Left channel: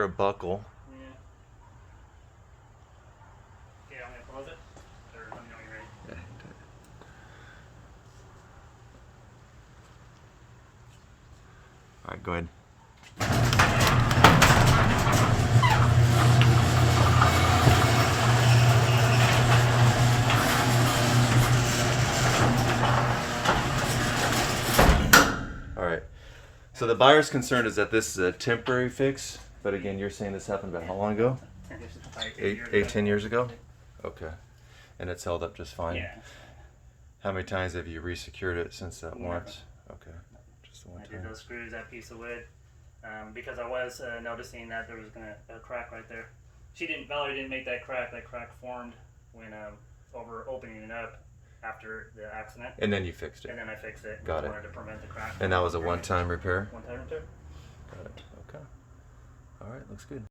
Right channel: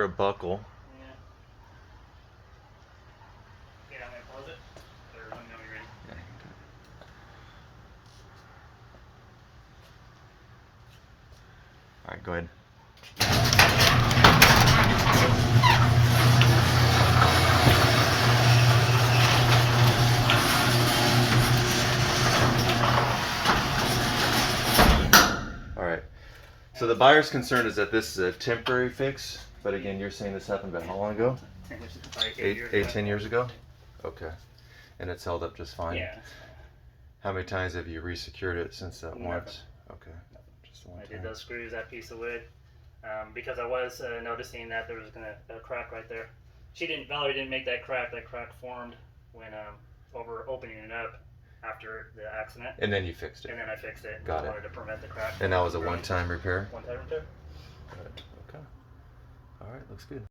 hear a buckle. Yeah. Yeah, I'm gonna close it. Or let me know when you're ready. Yeah. All right, go ahead. All right. So the buyer's concern is that this is a temporary fix, but again, you're saying this happened about how long ago? 10 years, like 10 years ago? Okay. And it's held up just fine? Yeah. How many times have you resecured it since that Never. once? Okay. Just the one I time. did those screws, that piece of wood, because I was noticing that there was a crack right there. Valerie didn't make that crack. That crack formed when over opening it up after the accident. And then you fixed it? And then I fixed it. Got I it. wanted to prevent the crack. And that was a one-time repair? One-time repair. Got it. Okay. All right, looks good.